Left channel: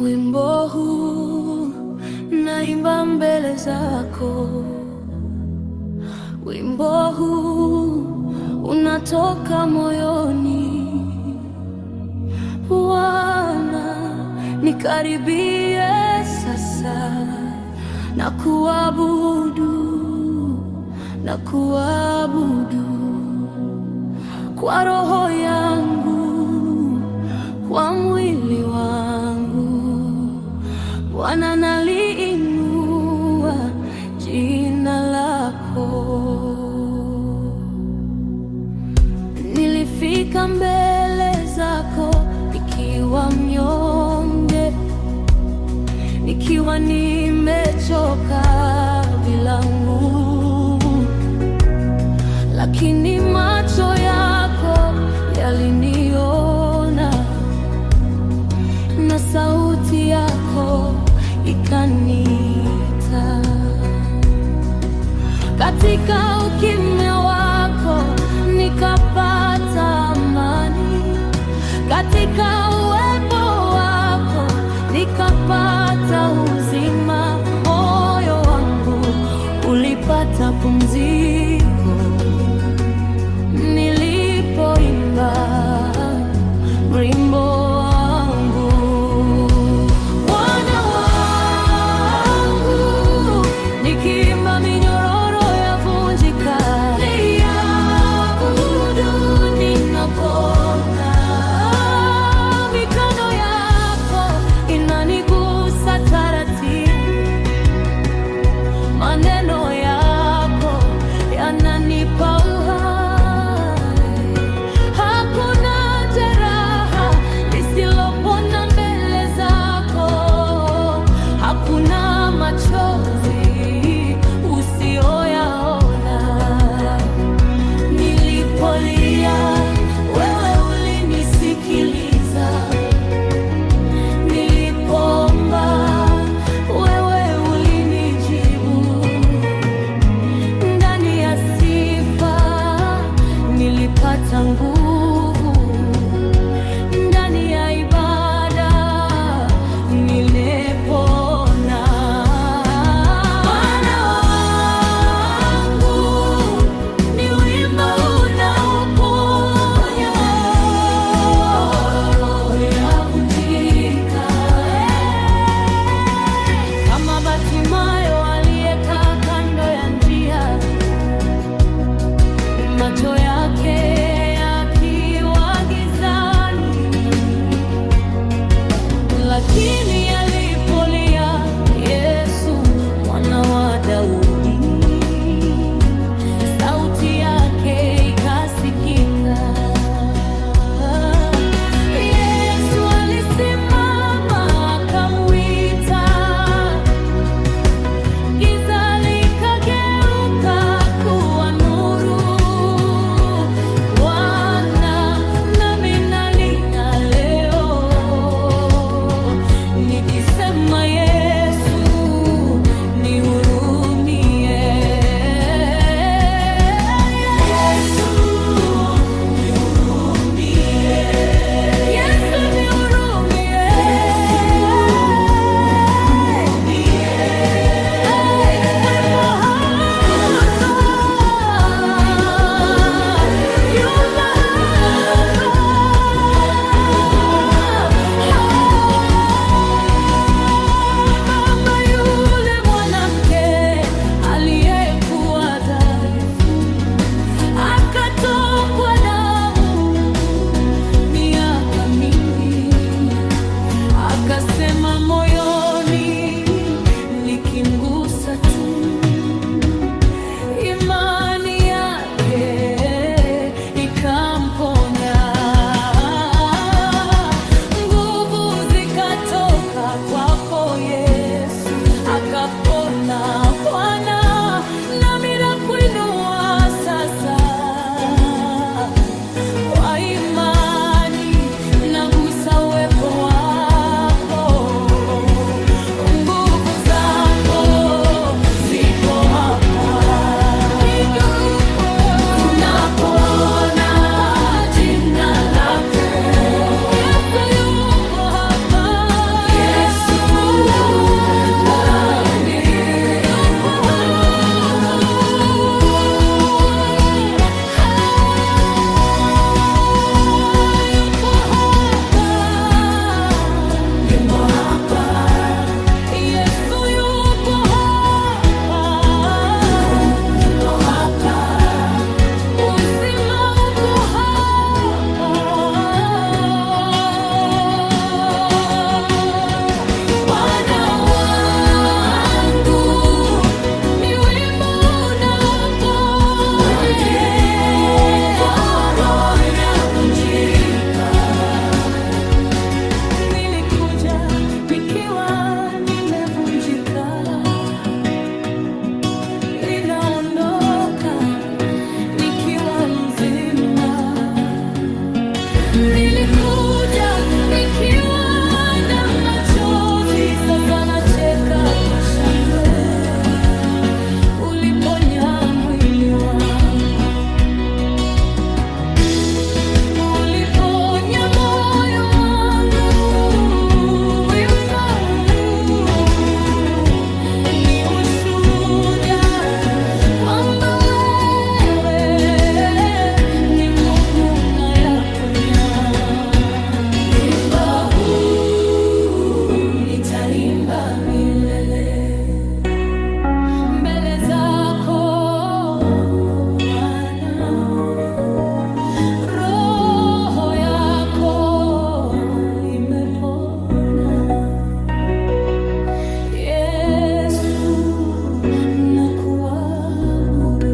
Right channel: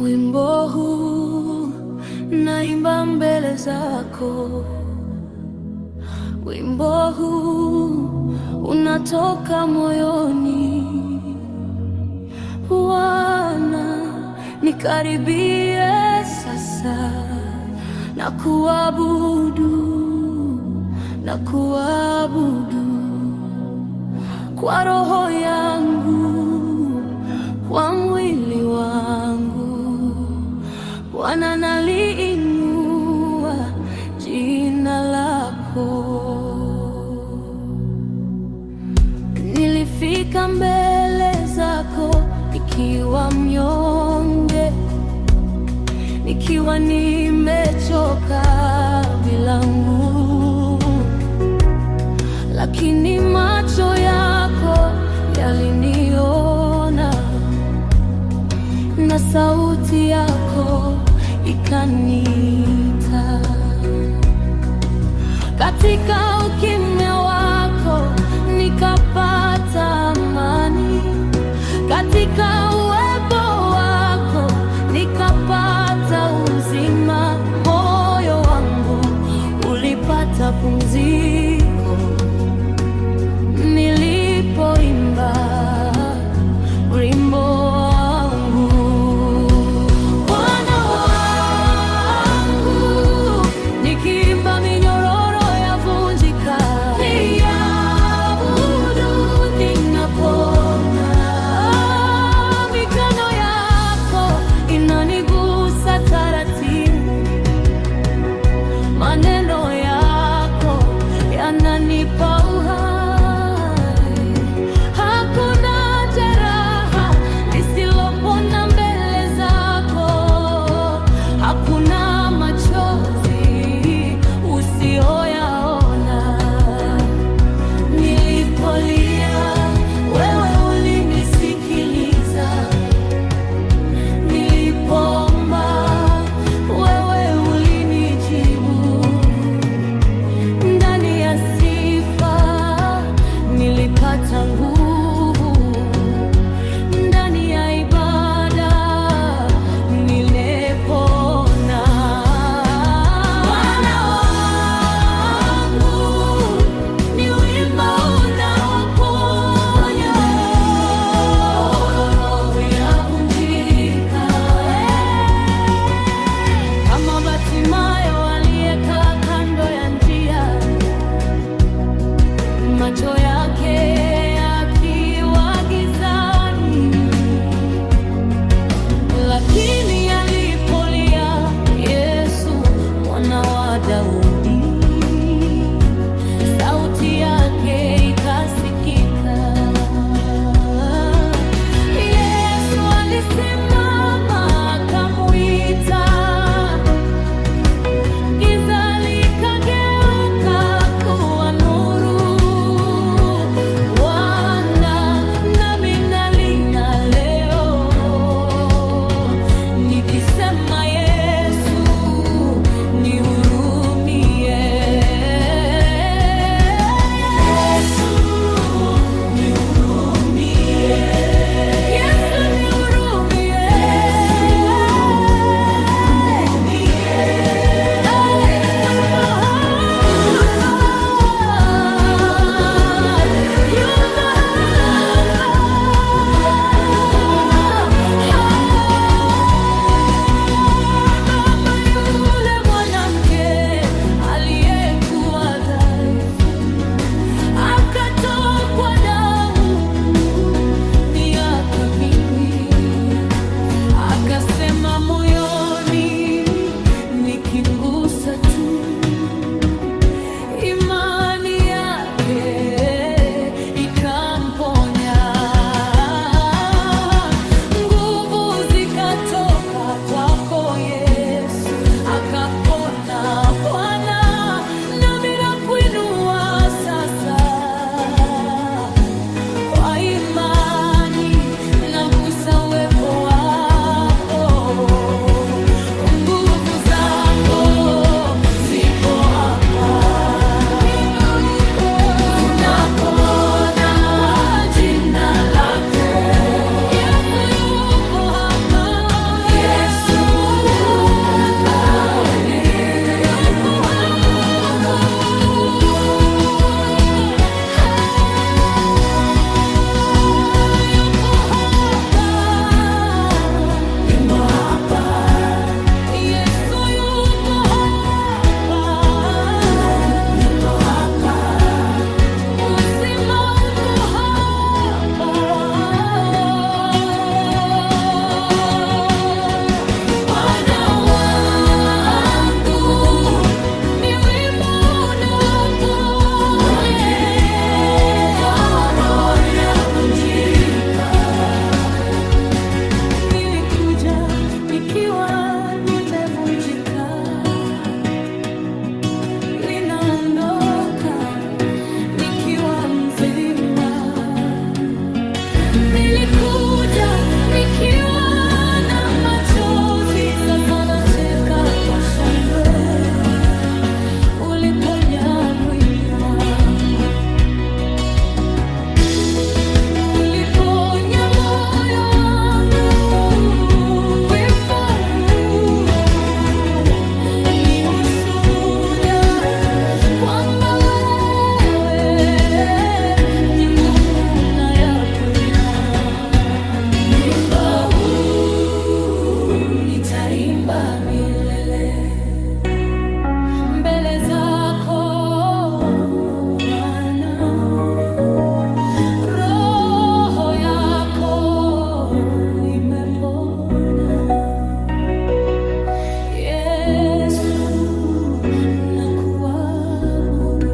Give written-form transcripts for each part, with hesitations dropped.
Wimbo huu naimba mbele zako, wimbo huu unatoka moyoni. Bwana, nikaribie sasa, na kuabudu kwa roho yangu, kwa mwili wangu. Bwana, naliinua jina lako. Nilifika mbele zako nikiwa mnyonge, nikiwa nimechoka bila nguvu, lakini macho yako yaliniona na sauti yako ikaniita. Katika ukimya wako nikapata amani, katika uwepo wako nikapata uzima. Moyo wangu ulipata pumziko nilipoimba wimbo wangu. Bwana wangu, nikiimba minyororo yavunjika, niabudu ninapona. Mikono yako inanigusa taratibu, maneno yako yananipa uhai. Hakuna jeraha lisilopona mbele zako, hakuna machozi usioyaona. Nilipolia wewe ulinisikiliza, nilipoomba wewe ulinijibu. Ndani ya sifa nilipata nguvu, ndani ya ibada nimepona. Bwana wangu, ni wimbo unaoponya, roho yavunjika. Kama Bartimayo aliyekaa kando ya njia, macho yake yakiwa gizani, lakini alipolia Yesu mwana wa Daudi, sauti yake ikasikika. Yesu alisimama akamwita, giza likageuka kuwa nuru. Bwana, nami nalia leo nikisema, Yesu nihurumie. Yesu nihurumie. Yesu nihurumie. Wimbo hapa, yumba hapa. Mama yule mwanamke aliyekuwa dhaifu, akatokwa damu miaka mingi, akasema moyoni, nikimgusa tu, imani yake ikamponya. Nguvu zikatoka kwako Yesu, akapona. Bwana, nami nakuinua sasa, kwa imani nagusa uwepo wako. Nguvu zako zipo hapa, tunapona kwa jina lako. Yesu yupo hapa. nikiwa nimevunjika, ninaondoka nikiwa mzima. Nilikuja nikiwa na machozi, sasa nacheka kwa shangwe. Uliponya mwili wangu, uliponya moyo wangu. Wimbo huu ni ushuhuda kwamba wewe ni Mungu unayeponya. Wimbo huu nitaimba milele mbele zako Bwana. Roho yako imepona, Yesu, nakuabudu.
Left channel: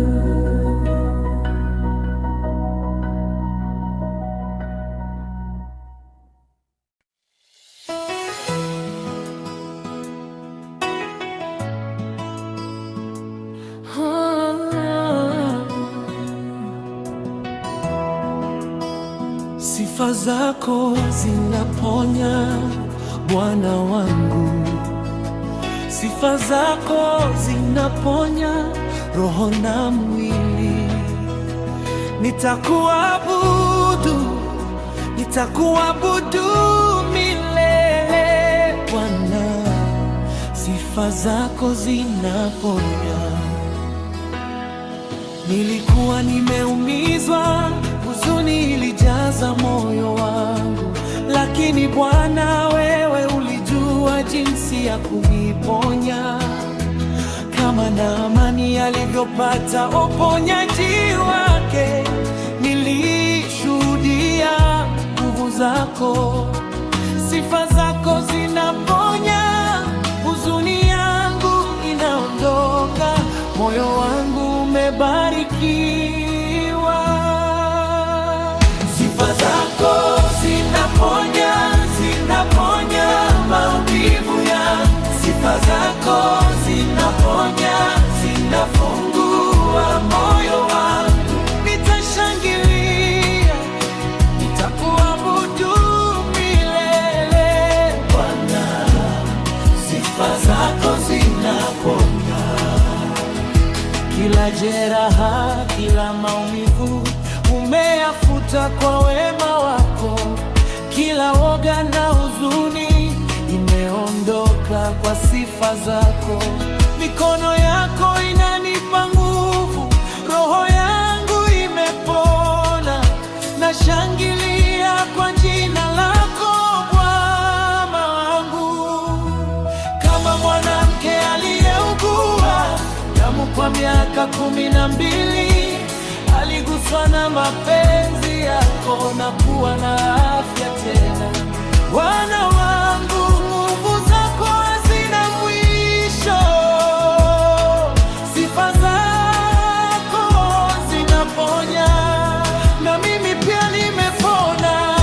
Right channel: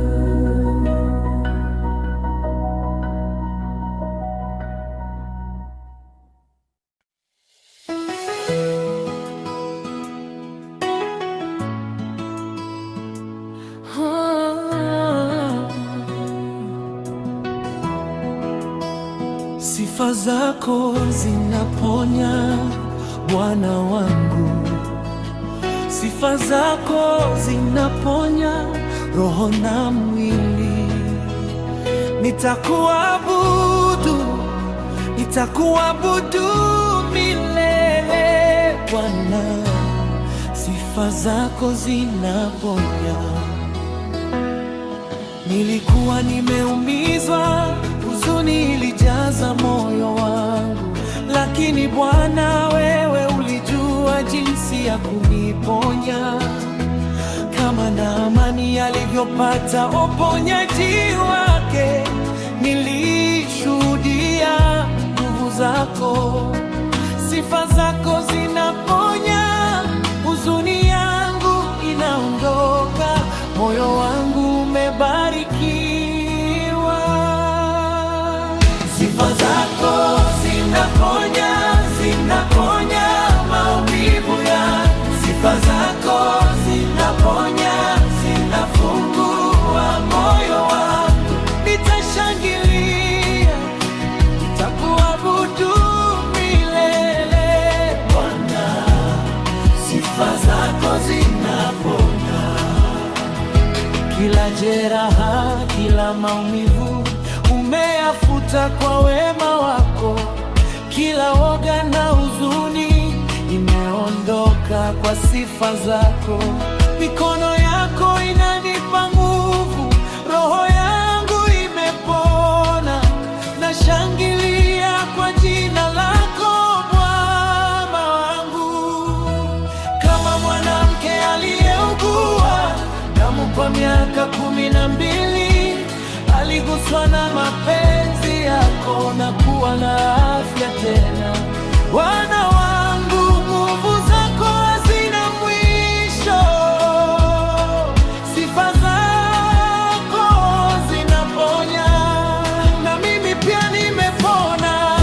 Sifa zako zinaponya Bwana wangu, sifa zako zinaponya roho na mwili. Nitakuabudu, nitakuabudu milele Bwana, sifa zako zinaponya. Nilikuwa nimeumizwa, huzuni ilijaza moyo wangu, lakini Bwana wewe ulijua jinsi ya kuniponya. Kama Naamani alivyopata uponyaji wake, nilishuhudia nguvu zako. Sifa zako zinaponya, huzuni yangu inaondoka, moyo wangu umebarikiwa. Sifa zako zinaponya, zinaponya maumivu yangu. Sifa zako zinaponya, zinafungua moyo wangu. Nitashangilia, nitakuabudu milele Bwana, sifa zako zinaponya. Kila jeraha, kila maumivu umeyafuta kwa wema wako. Kila woga na huzuni imeondoka kwa sifa zako. Mikono yako inanipa nguvu, roho yangu imepona. Nashangilia kwa jina lako Bwana wangu. Kama mwanamke aliyeugua damu kwa miaka 12, aliguswa na mapenzi yako na kuwa na afya tena. Bwana wangu, nguvu zako hazina mwisho, sifa zako zinaponya. Na mimi pia nimepona,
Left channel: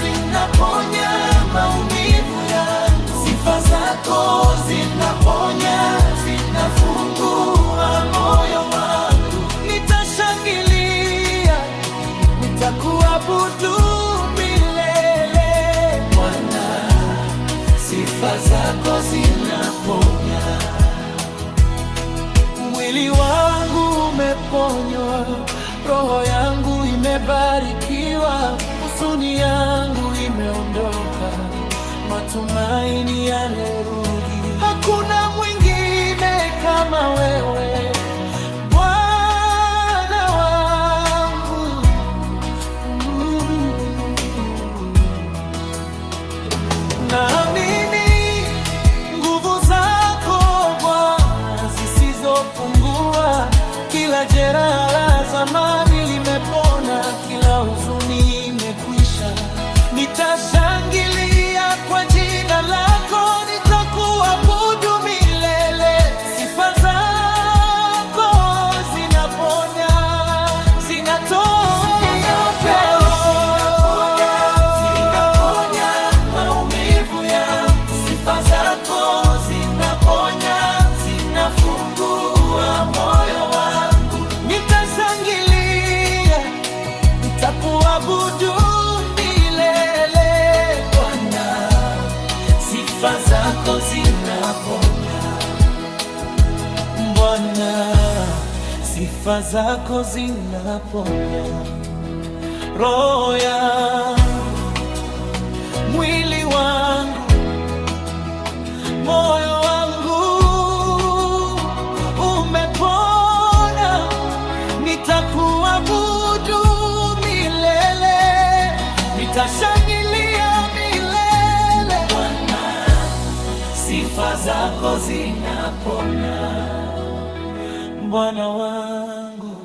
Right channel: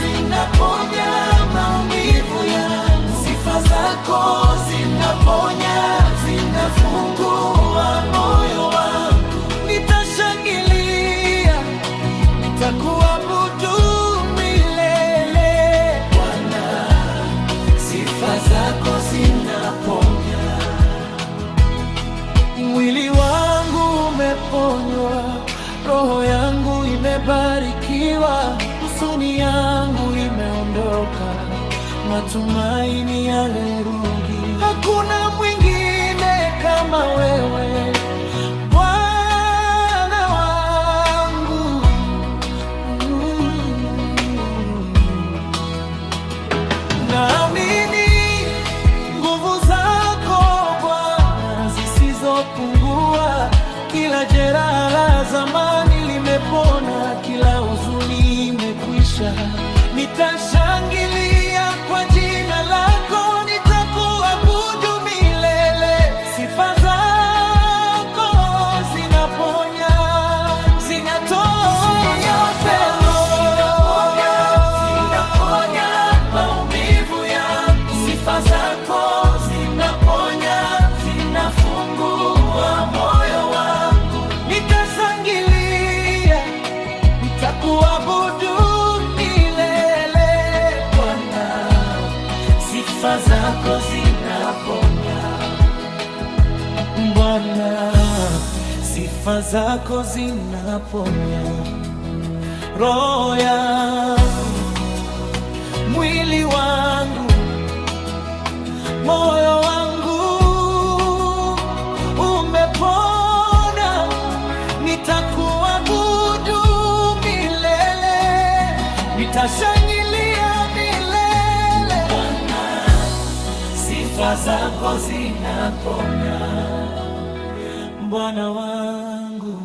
zinaponya maumivu yangu. Sifa zako zinaponya, zinafungua moyo wangu. Nitashangilia, nitakuabudu milele Bwana, sifa zako zinaponya. Mwili wangu umeponywa, roho yangu imebarikiwa, huzuni yangu imeondoka, matumaini yamerudi. Hakuna mwingine kama wewe Bwana wangu. Naamini nguvu zako Bwana zisizopungua. Kila jeraha la zamani limepona, kila huzuni imekwisha. Nitashangilia kwa jina lako, nitakuabudu milele. Sifa zako zinaponya, zinatoa upendo, zinaponya maumivu sifa zako zinaponya. Bwana, sifa zako zinaponya roho yangu, mwili wangu, moyo wangu umepona. Nitakuabudu milele, nitashangilia milele. Bwana, sifa zako zinaponya. Bwana wangu